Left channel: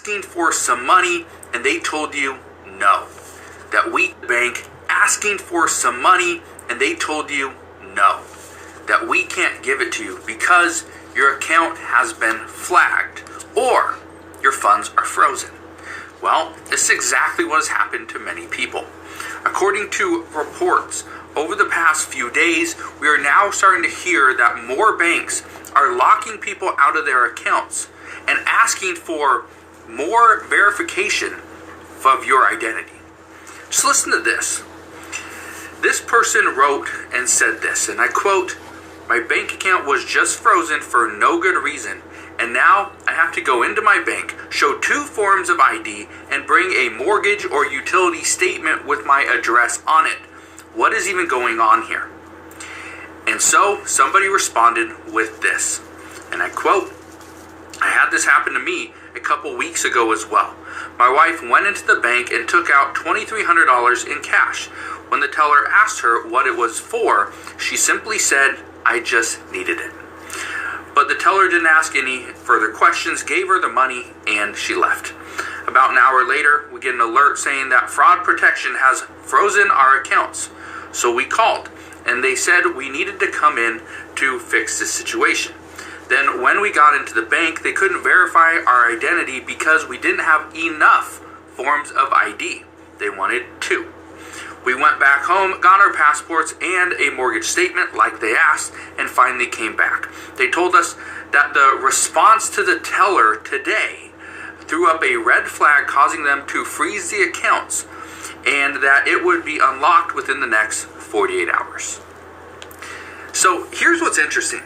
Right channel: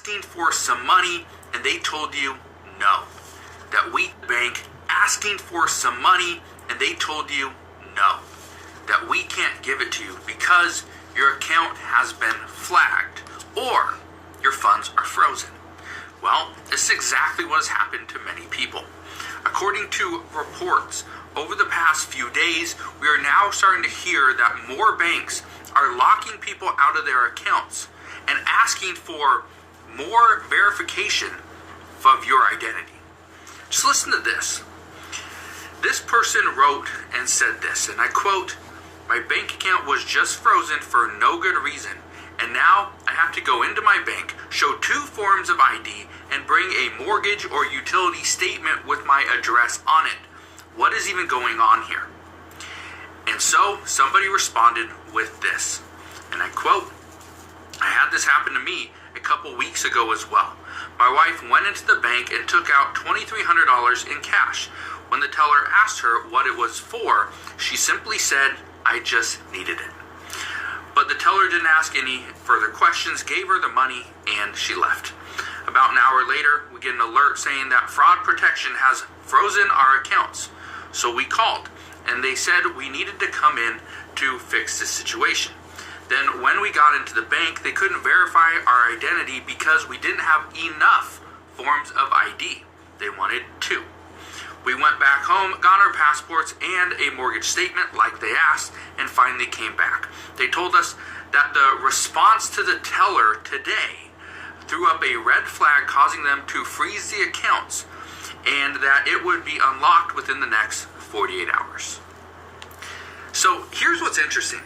asking for some money and they told you no. That weak bank asking for some money and they told you no. That we can't give it to you because your account has been flagged or your funds are frozen. Well, this is exactly what has happened to many people. According to reports, over the past few days, we are now starting to hear that more banks are locking people out of their accounts and asking for more verification of your identity. Just listen to this. This person wrote and said this, and I quote, "My bank account was just frozen for no good reason, and now I have to go into my bank, show 2 forms of ID, and bring a mortgage or utility statement with my address on it. What is even going on here?" And so somebody responded with this, and I quote, "I had this happen to me a couple weeks ago as well. My wife went into the bank and took out $2,300 in cash. When the teller asked her what it was for, she simply said, 'I just needed it.' But the teller didn't ask any further questions, gave her the money, and she left. About an hour later, we get an alert saying that fraud protection has frozen our accounts. So we called, and they said we needed to come in to fix this situation. Then when we got into the bank, they couldn't verify our identity because we didn't have enough forms of ID. They wanted 2. We went back home, got our passports and a mortgage statement like they asked, and finally came back. They told us that the response to the teller today threw up a red flag causing them to freeze the accounts and that it would be unlocked within the next 48 hours. So here's what's interesting,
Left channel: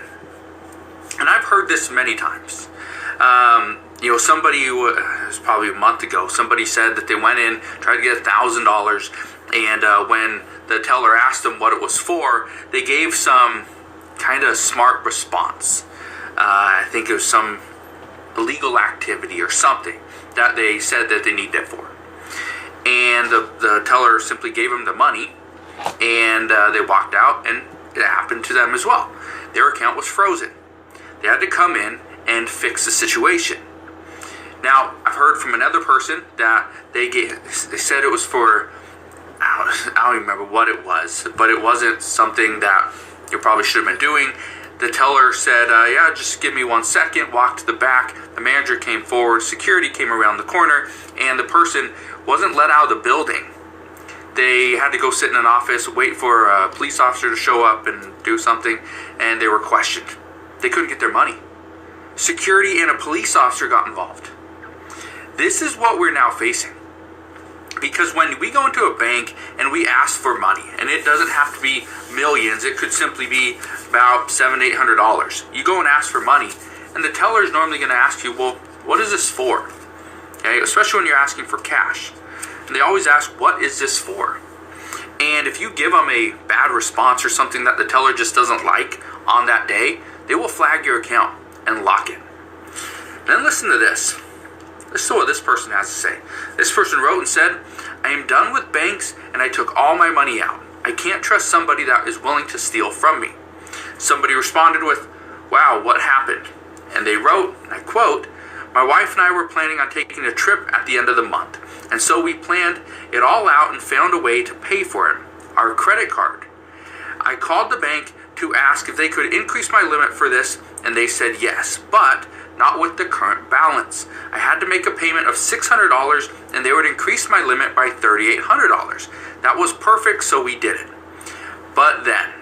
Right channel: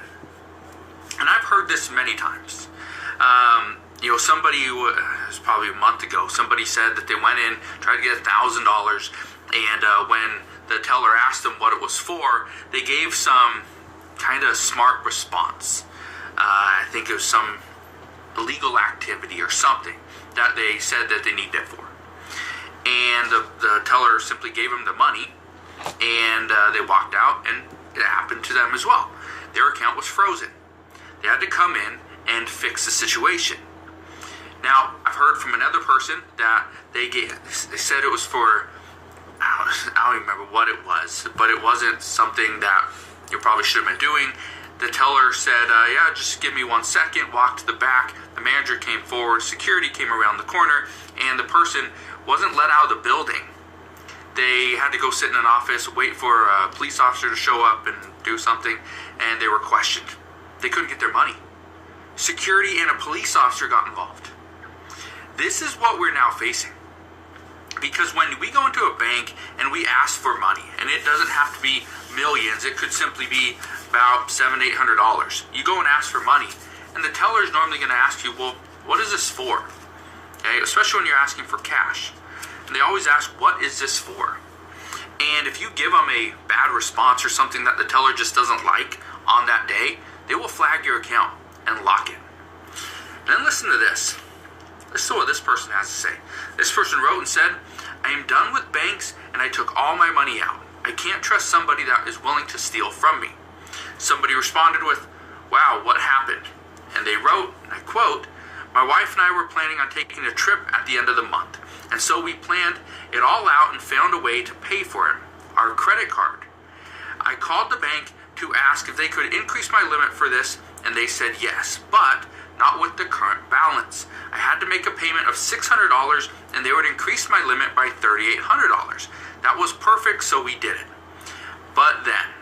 and I've heard this many times. Somebody, it was probably a month ago, somebody said that they went in, tried to get $1,000, and when the teller asked them what it was for, they gave some kind of smart response. I think it was some illegal activity or something that they said that they need that for. And the teller simply gave them the money, and they walked out, and it happened to them as well. Their account was frozen. They had to come in and fix the situation. Now, I've heard from another person that they said it was for, I don't even remember what it was, but it wasn't something that you probably should have been doing. The teller said, yeah, just give me 1 second, walked to the back. The manager came forward, security came around the corner, and the person wasn't let out of the building. They had to go sit in an office, wait for a police officer to show up and do something, and they were questioned. They couldn't get their money. Security and a police officer got involved. This is what we're now facing. Because when we go into a bank and we ask for money, and it doesn't have to be millions, it could simply be about $700 to $800. You go and ask for money, and the teller is normally going to ask you, well, what is this for? Okay, especially when you're asking for cash. And they always ask, what is this for? And if you give them a bad response or something that the teller just doesn't like on that day, they will flag your account and lock it. Then listen to this. Listen to what this person has to say. This person wrote and said, "I am done with banks and I took all my money out. I can't trust somebody that is willing to steal from me." Somebody responded with, "Wow, what happened?" And they wrote, and I quote, "My wife and I were planning on taking a trip at the end of the month. And so we planned it all out and found a way to pay for it, our credit card. I called the bank to ask if they could increase my limit for this, and they said yes, but not with the current balance. I had to make a payment of $600, and they would increase my limit by $3,800. That was perfect, so we did it. But then,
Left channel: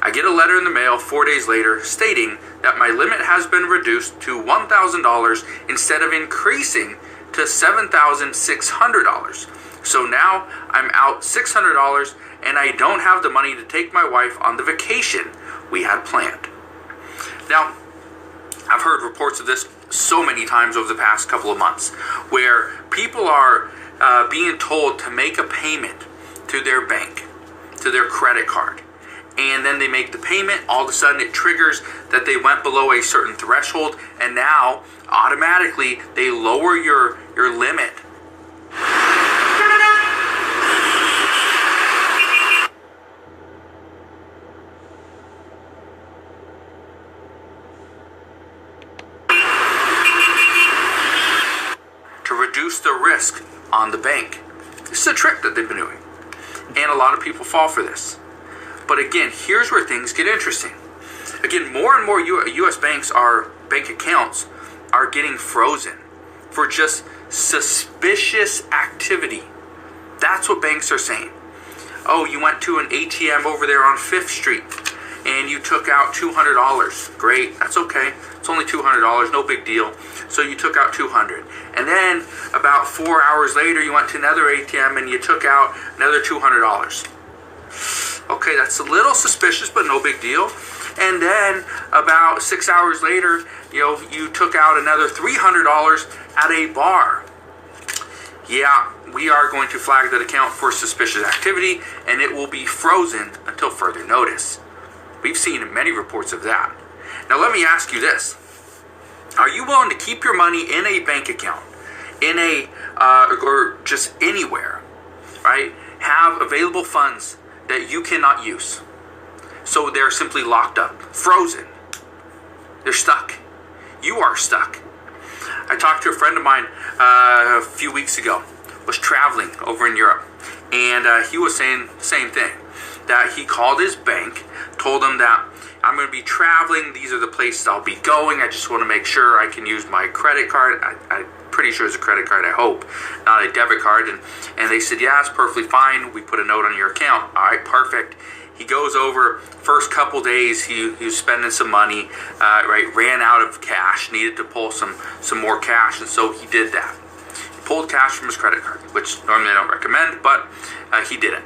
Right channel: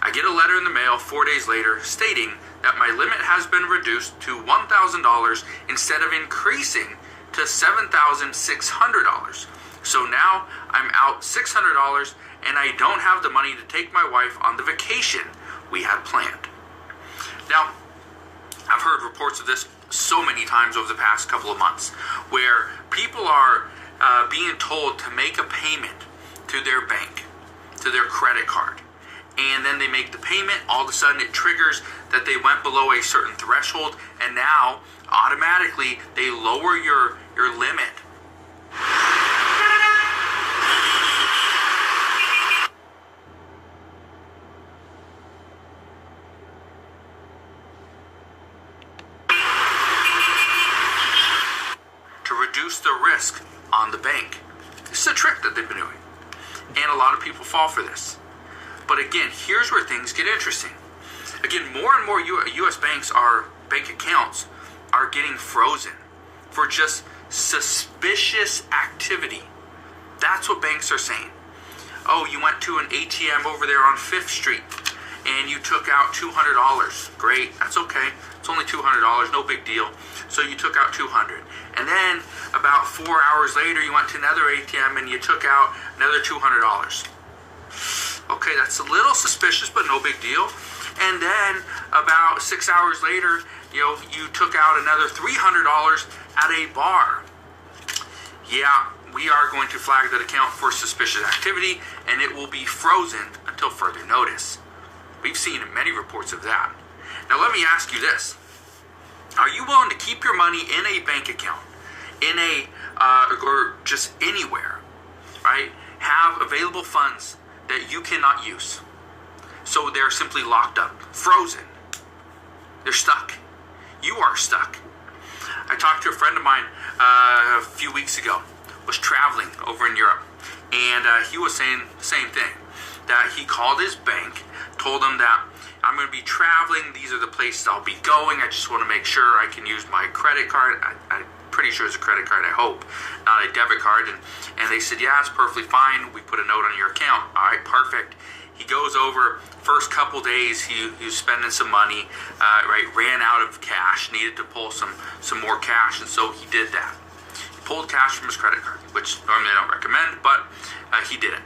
I get a letter in the mail 4 days later stating that my limit has been reduced to $1,000 instead of increasing to $7,600. So now I'm out $600, and I don't have the money to take my wife on the vacation we had planned." Now, I've heard reports of this so many times over the past couple of months, where people are being told to make a payment to their bank, to their credit card, and then they make the payment. All of a sudden it triggers that they went below a certain threshold, and now automatically they lower your limit. to reduce the risk on the bank. This is a trick that they've been doing. And a lot of people fall for this. But again, here's where things get interesting. Again, more and more U.S. bank accounts are getting frozen for just suspicious activity. That's what banks are saying. Oh, you went to an ATM over there on 5th Street and you took out $200. Great, that's okay. It's only $200, no big deal. So you took out $200. And then about 4 hours later, you went to another ATM and you took out another $200. Okay, that's a little suspicious, but no big deal. And then about 6 hours later, you took out another $300 at a bar. Yeah, we are going to flag that account for suspicious activity, and it will be frozen until further notice. We've seen many reports of that. Now let me ask you this. Are you willing to keep your money in a bank account, or just anywhere, right? Have available funds that you cannot use. So they're simply locked up, frozen. They're stuck. You are stuck. I talked to a friend of mine a few weeks ago, was traveling over in Europe, and he was saying the same thing, that he called his bank, told them that I'm going to be traveling, these are the places I'll be going, I just want to make sure I can use my credit card. I'm pretty sure it's a credit card, I hope, not a debit card. And they said, yeah, it's perfectly fine, we put a note on your account. All right, perfect. He goes over, first couple days, he was spending some money, ran out of cash, needed to pull some more cash, and so he did that. He pulled cash from his credit card, which normally I don't recommend, but he did it.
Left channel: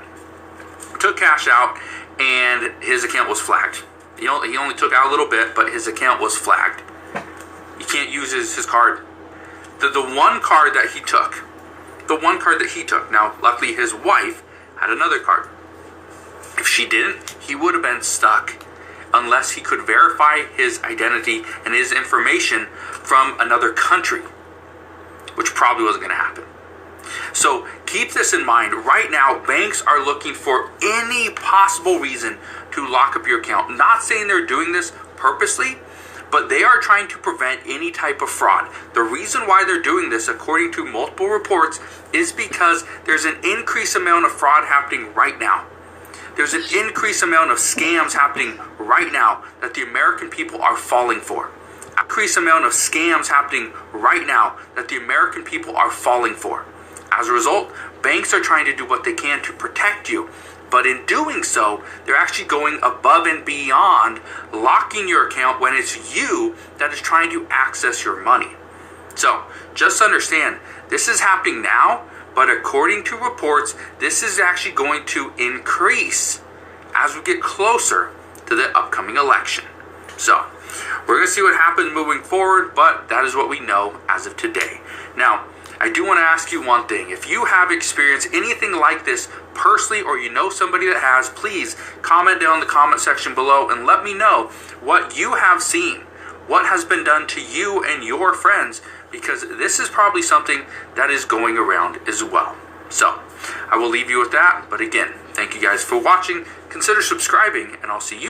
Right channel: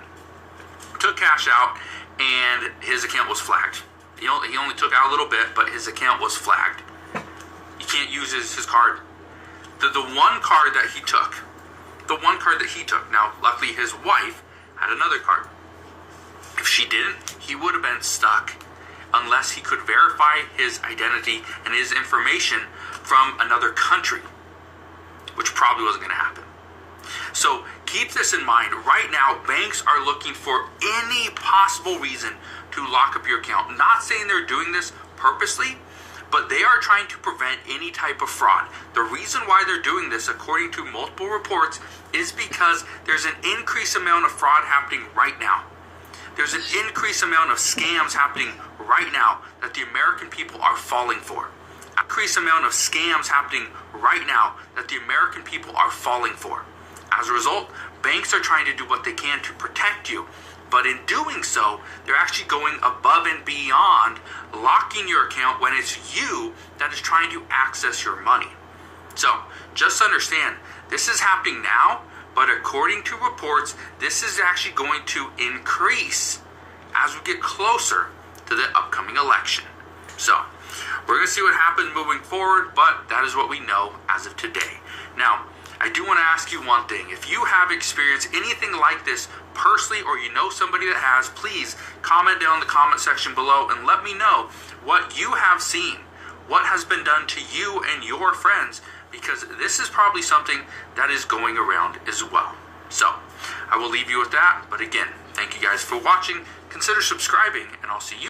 Took cash out, and his account was flagged. He only took out a little bit, but his account was flagged. He can't use his card. The one card that he took, now luckily his wife had another card. If she didn't, he would have been stuck unless he could verify his identity and his information from another country, which probably wasn't going to happen. So keep this in mind. Right now, banks are looking for any possible reason to lock up your account. Not saying they're doing this purposely, but they are trying to prevent any type of fraud. The reason why they're doing this, according to multiple reports, is because there's an increased amount of fraud happening right now. There's an increased amount of scams happening right now that the American people are falling for. Increased amount of scams happening right now that the American people are falling for. As a result, banks are trying to do what they can to protect you. But in doing so, they're actually going above and beyond locking your account when it's you that is trying to access your money. So, just understand, this is happening now, but according to reports, this is actually going to increase as we get closer to the upcoming election. So, we're going to see what happens moving forward, but that is what we know as of today. Now, I do want to ask you one thing. If you have experienced anything like this personally, or you know somebody that has, please comment down in the comment section below and let me know what you have seen, what has been done to you and your friends, because this is probably something that is going around as well. So, I will leave you with that, but again, thank you guys for watching. Consider subscribing, and I'll see you